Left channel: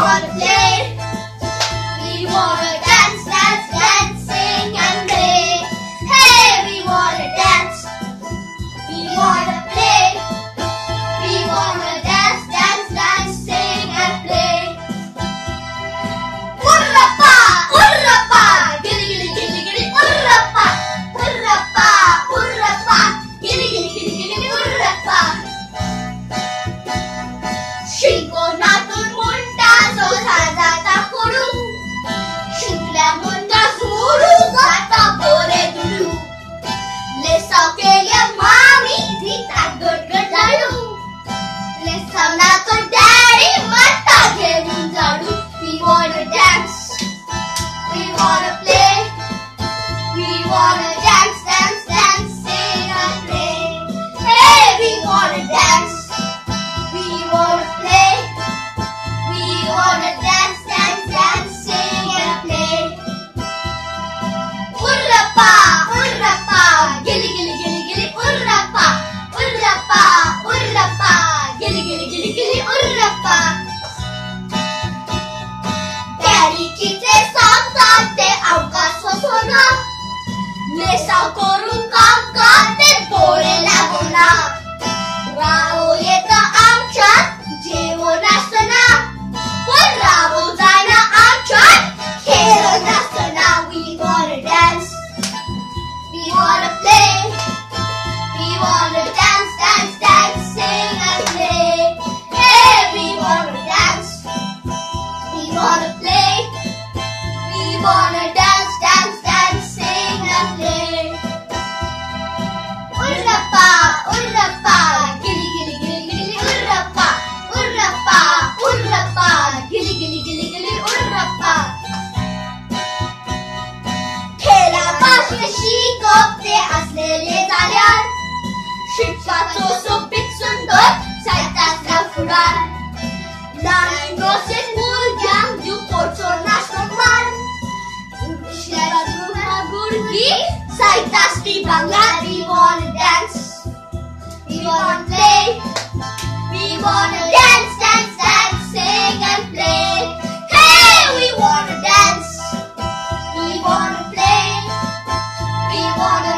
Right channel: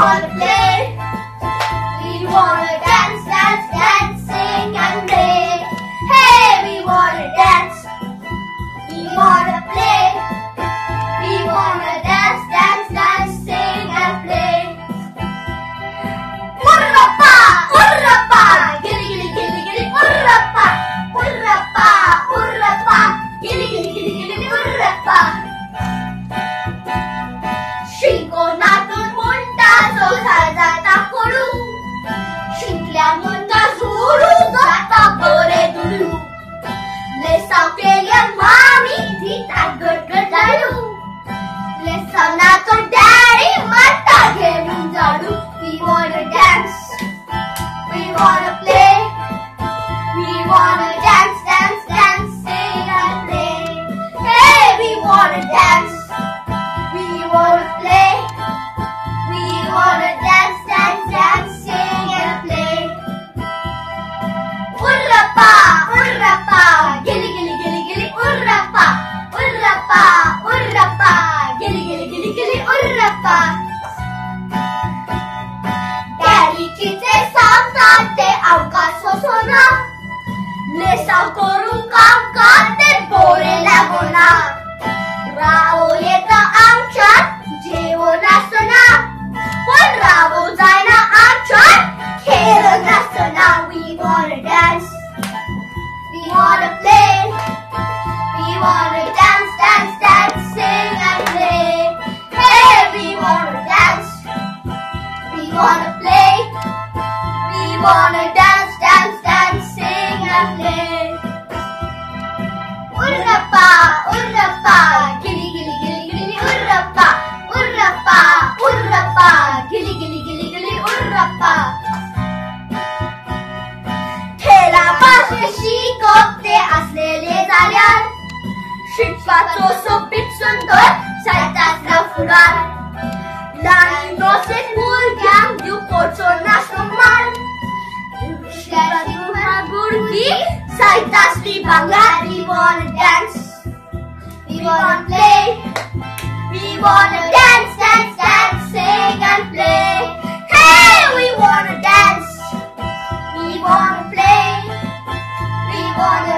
wanna play. We wanna dance, dance, dance, sing and play. Hey, we wanna dance. We wanna play. We wanna dance, dance, dance, sing and play. Urrappa, urrappa, gilli gilli gilli gilli, urrappa, urrappa, urrappa, gilli gilli gilli gilli, urrappa. शिंकोनातून मुंडा जो जाता पडू, शिंकल्या मुंडा सोडू जाता बोरे दुडू. लेसाव केल्या मामी धिता गडगड लाडू. लेसाव ना तो डॅडी माता घेऊन जाडू. We wanna dance, we wanna play, we wanna dance, dance, dance, sing and play. Hey, we wanna dance. We wanna play. We wanna dance, dance, dance, sing and play. Urrappa, urrappa, gilli gilli gilli gilli, urrappa, urrappa, urrappa, gilli gilli gilli gilli, urrappa. Daddy-चे सांगतात ते अवकाश होना. लेसाव करून काम करते बोरे लागोना. रावो येतं आमच्यात जेवण असना, पण रावो जायना आमच्यात खेळ नसना. We wanna dance, we wanna play, we wanna dance, dance, dance, sing and play. Hey, we wanna dance, we wanna play, we wanna dance, dance, dance, sing and play. Urrappa, urrappa, gilli gilli gilli gilli, urrappa, urrappa, urrappa, gilli gilli gilli gilli, urrappa. खेळा भाषा शिकवते असलेले झाल्यार, शिकपाचो सोबीत सुंदर साहित्यातला फुडार. ल्हान नोसेक भुरग्यांक दिवपाचो नाशनो मार. भुरगीं साहित्यातली भांगार. We wanna dance, we wanna play, we wanna dance, dance, dance, sing and play. Hey, we wanna dance, we wanna play, we wanna